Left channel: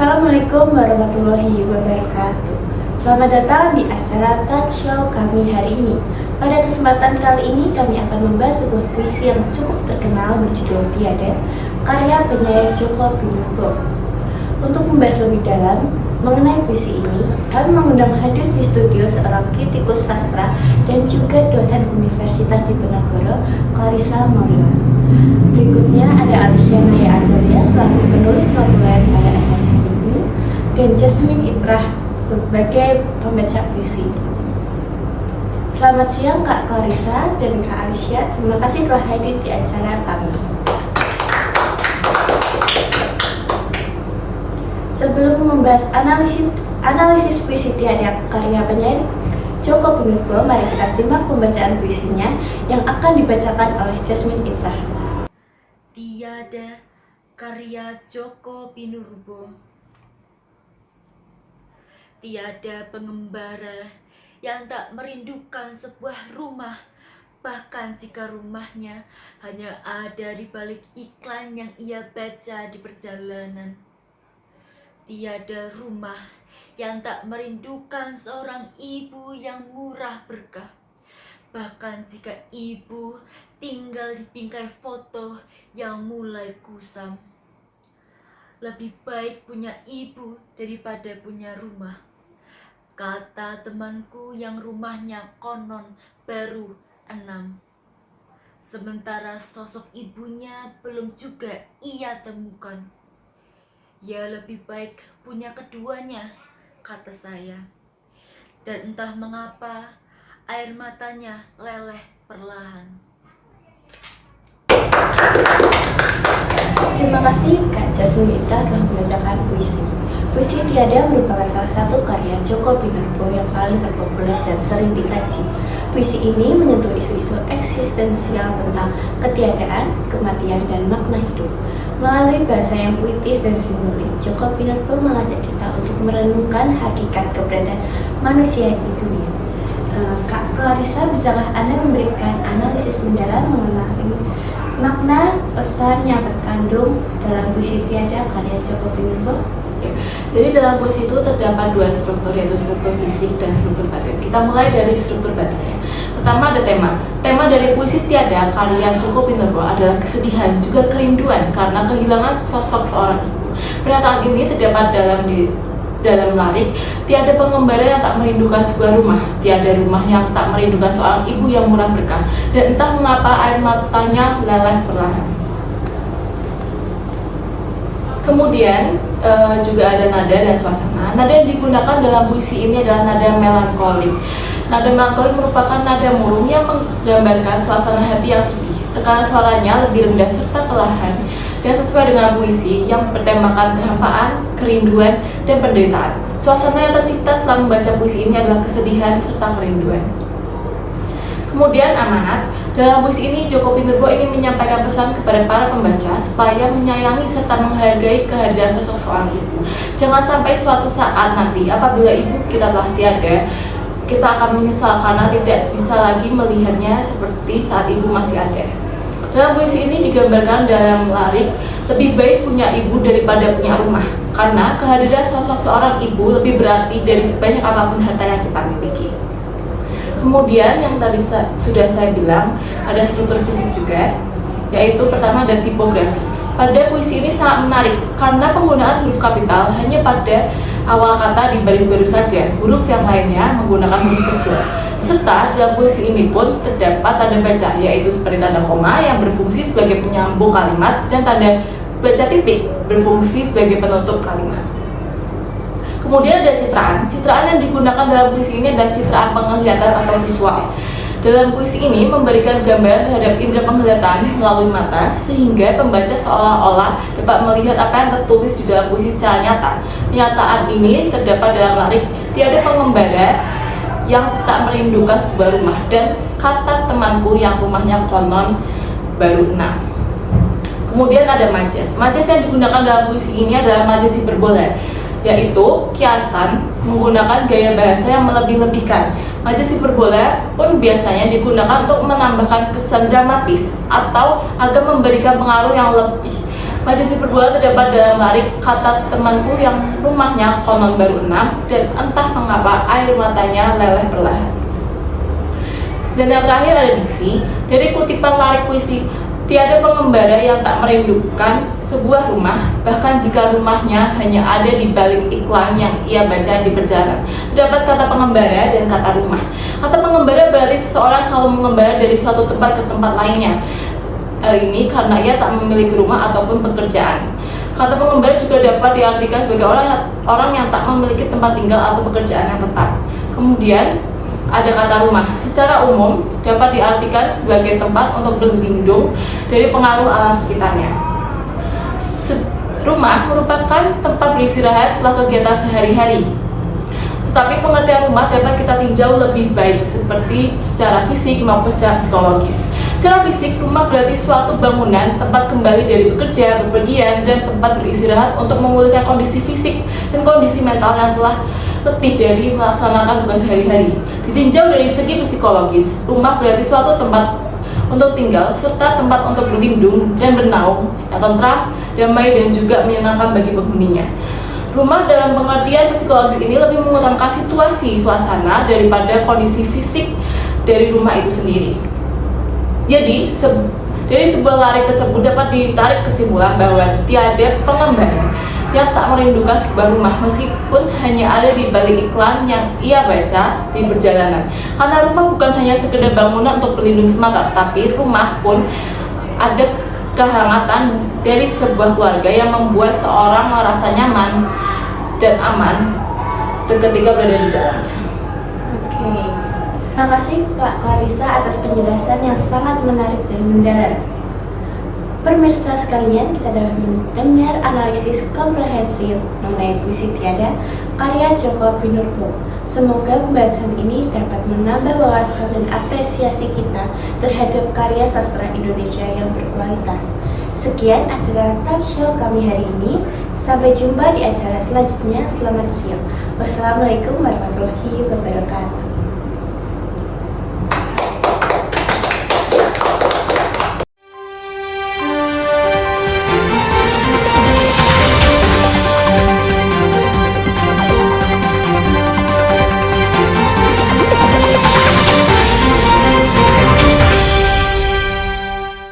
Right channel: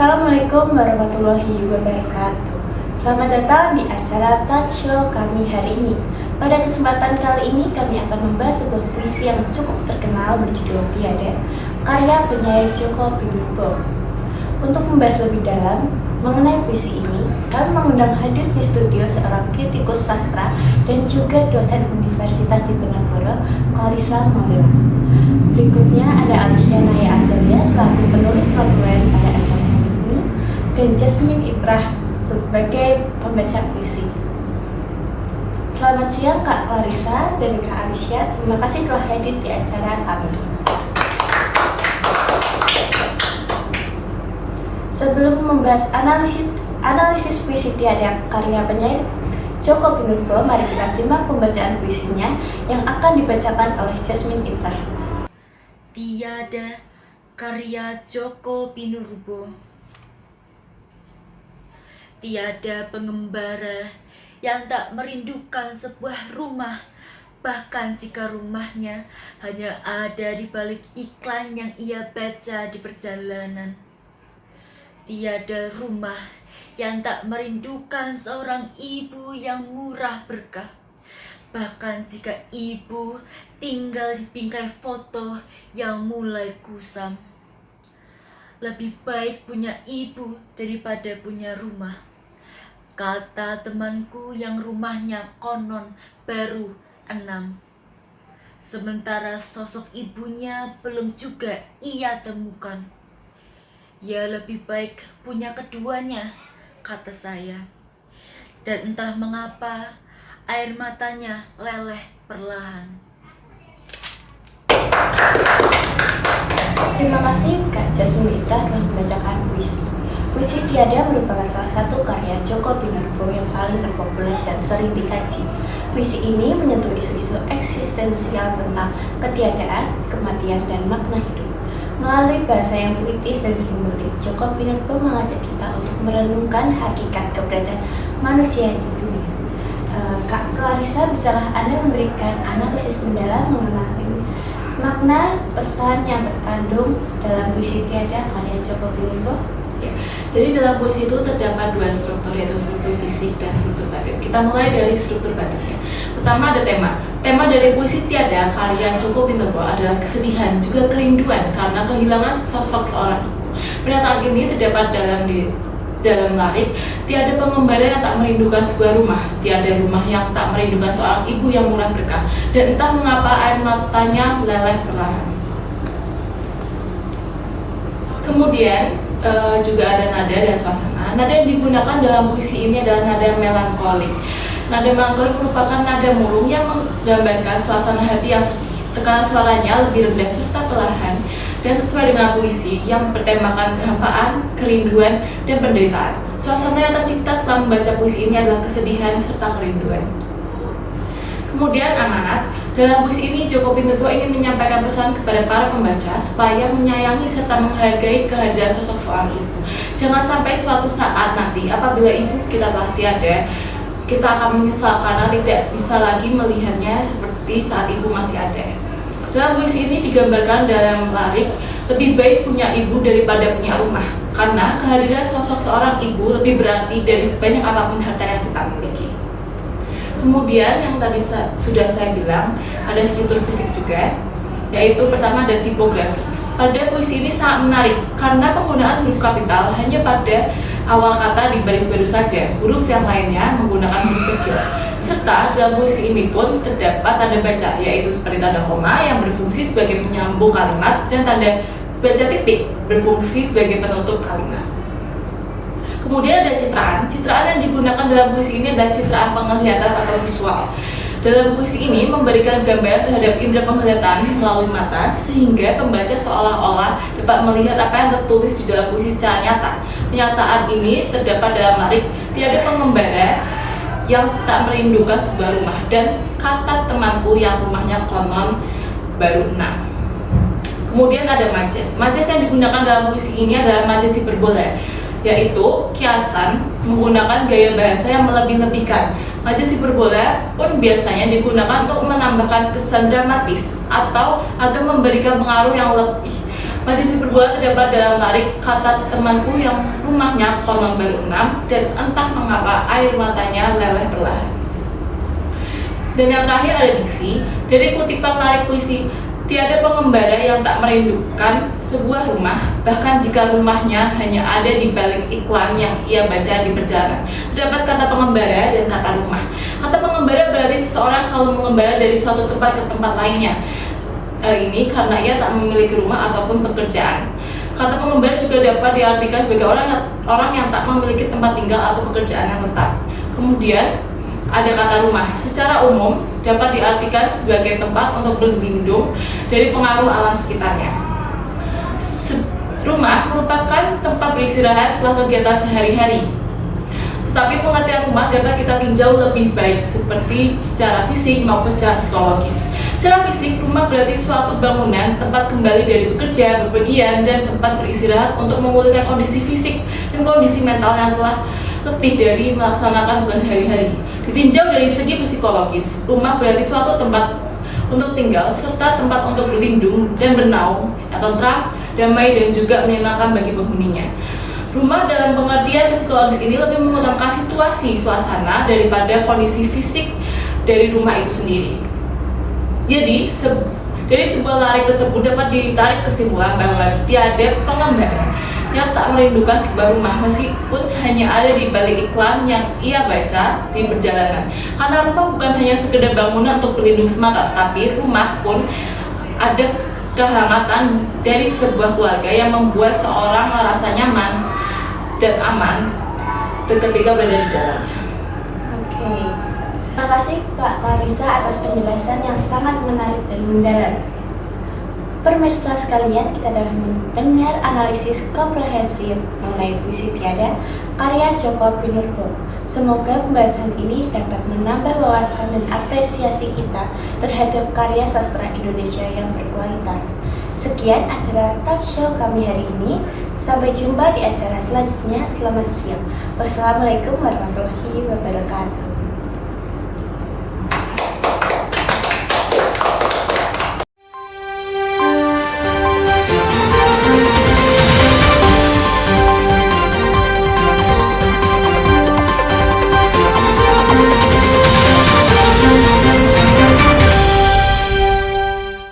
Assalamualaikum warahmatullahi wabarakatuh. Selamat datang di acara talk show kami hari ini. Pada kesempatan kali ini kami akan membahas sebuah puisi yang cukup terkenal berjudul Tiada, karya penyair Djoko Pinurbo. Untuk membahas lebih dalam mengenai puisi ini, kami mengundang hadir di studio seorang kritikus sastra dan juga dosen Universitas Diponegoro, Clarissa Maulila. Berikutnya ada Alicia Naya Azalia selaku penulis notulen pada acara ini dan Jasmine Itrah sebagai pembaca puisi. Selamat siang Kak Clarissa dan Kak Alicia, terima kasih telah hadir di acara kami. Sebelum membahas analisis puisi Tiada karya penyair Djoko Pinurbo, mari kita simak pembacaan puisinya yang akan dibacakan oleh Jasmine Itrah. Tiada, karya Djoko Pinurbo. Tiada pengembara yang tak merindukan sebuah rumah, bahkan jika rumahnya hanya ada di balik iklan yang ia baca di perjalanan. Tiada rumah yang tak merindukan seorang ibu yang murah berkah, bahkan jika ibu tinggal di bingkai foto yang mulai kusam. Lebih baik punya ibu daripada punya rumah, kata temanku yang rumahnya konon baru 6. Sementara sosok ibunya belum juga ia temukan. Ya lebih baik punya keduanya, kata saya. Dan entah mengapa air matanya leleh perlahan. Terima kasih Kak Jasmine Itrah telah membacakan puisi. Puisi Tiada merupakan salah satu karya Djoko Pinurbo yang paling terpopuler dan sering dikaji. Puisi ini menyentuh isu-isu eksistensial tentang ketiadaan, kematian, dan makna hidup. Melalui bahasa yang puitis dan simbolik, Djoko Pinurbo mengajak kita untuk merenungkan hakikat keberadaan manusia di dunia. Kak Clarissa, bisakah Anda memberikan analisis mendalam mengenai makna pesan yang terkandung dalam puisi Tiada karya Djoko Pinurbo? Ya. Jadi dalam puisi itu terdapat dua struktur, yaitu struktur fisik dan struktur batin. Kita mulai dari struktur batinnya. Pertama ada tema. Tema dari puisi Tiada karya Djoko Pinurbo adalah kesedihan juga kerinduan karena kehilangan sosok seorang ibu. Pernyataan ini terdapat dalam lirik. Tiada pengembara yang tak merindukan sebuah rumah, tiada rumah yang tak merindukan seorang ibu yang murah berkah, dan entah mengapa air matanya leleh perlahan. Kemudian juga ada nada dan suasana. Nada yang digunakan dalam puisi ini adalah nada melankolik. Nada melankolik merupakan nada murung yang menggambarkan suasana hati yang sedih. Tekanan suaranya lebih rendah serta perlahan dan sesuai dengan puisi yang bertemakan kehampaan, kerinduan, dan penderitaan. Suasana yang tercipta setelah membaca puisi ini adalah kesedihan serta kerinduan. Kemudian amanat. Dalam puisi ini Djoko Pinurbo ingin menyampaikan pesan kepada para pembaca supaya menyayangi serta menghargai kehadiran sosok seorang ibu. Jangan sampai suatu saat nanti apabila ibu kita telah tiada, kita akan menyesal karena tidak bisa lagi melihatnya seperti saat ibu masih ada. Dalam puisi ini digambarkan dalam lirik, lebih baik punya ibu daripada punya rumah, karena kehadiran sosok seorang ibu lebih berarti dari sebanyak apapun harta yang kita miliki. Kemudian yang tadi sudah saya bilang, ada struktur fisik juga, yaitu pertama ada tipografi. Pada puisi ini sangat menarik karena penggunaan huruf kapital hanya pada awal kata di baris baru saja, huruf yang lainnya menggunakan huruf kecil. Serta dalam puisi ini pun terdapat tanda baca, yaitu seperti tanda koma yang berfungsi sebagai penyambung kalimat dan tanda baca titik berfungsi sebagai penutup kalimat. Kemudian ada citraan. Citraan yang digunakan dalam puisi ini adalah citraan penglihatan atau visual. Dalam puisi ini memberikan gambaran terhadap indera penglihatan melalui mata sehingga pembaca seolah-olah dapat melihat apa yang tertulis di dalam puisi secara nyata. Pernyataan ini terdapat dalam lirik, tiada pengembara yang tak merindukan sebuah rumah, dan kata temanku yang rumahnya konon baru 6. Kemudian ada majas. Majas yang digunakan dalam puisi ini adalah majas hiperbola, yaitu kiasan menggunakan gaya bahasa yang melebih-lebihkan. Majas hiperbola pun biasanya digunakan untuk menambahkan kesan dramatis atau agar memberikan pengaruh yang lebih. Majlis Hiperbola terdapat dalam larik kata temanku yang rumahnya konon baru 6 dan entah mengapa air matanya leleh perlahan. Dan yang terakhir ada diksi dari kutipan larik puisi. Tiada pengembara yang tak merindukan sebuah rumah, bahkan jika rumahnya hanya ada di balik iklan yang ia baca di perjalanan. Terdapat kata pengembara dan kata rumah. Kata pengembara berarti seseorang selalu mengembara dari suatu tempat ke tempat lainnya. Ini karena ia tak memiliki rumah ataupun pekerjaan. Kata pengembara juga dapat diartikan sebagai orang yang tak memiliki tempat tinggal atau pekerjaan yang tetap. Kemudian ada kata rumah. Secara umum dapat diartikan sebagai tempat untuk berlindung dari pengaruh alam sekitarnya. Rumah merupakan tempat beristirahat setelah kegiatan sehari-hari. Tetapi pengertian rumah dapat kita tinjau lebih baik seperti secara fisik maupun secara psikologis. Secara fisik, rumah berarti suatu bangunan tempat kembali dari bekerja, bepergian, dan tempat beristirahat untuk memulihkan kondisi fisik dan kondisi mental yang telah letih dari melaksanakan tugas sehari-hari. Ditinjau dari segi psikologis, rumah berarti suatu tempat untuk tinggal serta tempat untuk berlindung dan bernaung yang tentram, damai, dan juga menyenangkan bagi penghuninya. Rumah dalam pengertian psikologis ini lebih mengutamakan situasi, suasana daripada kondisi fisik dari rumah itu sendiri. Jadi, dari sebuah larik tersebut dapat ditarik kesimpulan bahwa tiada pengembara yang tak merindukan sebuah rumah meskipun hanya ada di balik iklan yang ia baca di perjalanan. Karena rumah bukan hanya sekedar bangunan untuk berlindung semata, tapi rumah pun ada kehangatan dari sebuah keluarga yang membuat seorang merasa nyaman dan aman ketika berada di dalamnya. Oke. Terima kasih Kak Clarissa atas penjelasan yang sangat menarik dan mendalam. Pemirsa sekalian, kita telah mendengar analisis komprehensif mengenai puisi Tiada karya Djoko Pinurbo. Semoga pembahasan ini dapat menambah wawasan dan apresiasi kita terhadap karya sastra Indonesia yang berkualitas. Sekian acara talk show kami hari ini. Sampai jumpa di acara selanjutnya. Selamat siang. Wassalamualaikum warahmatullahi wabarakatuh.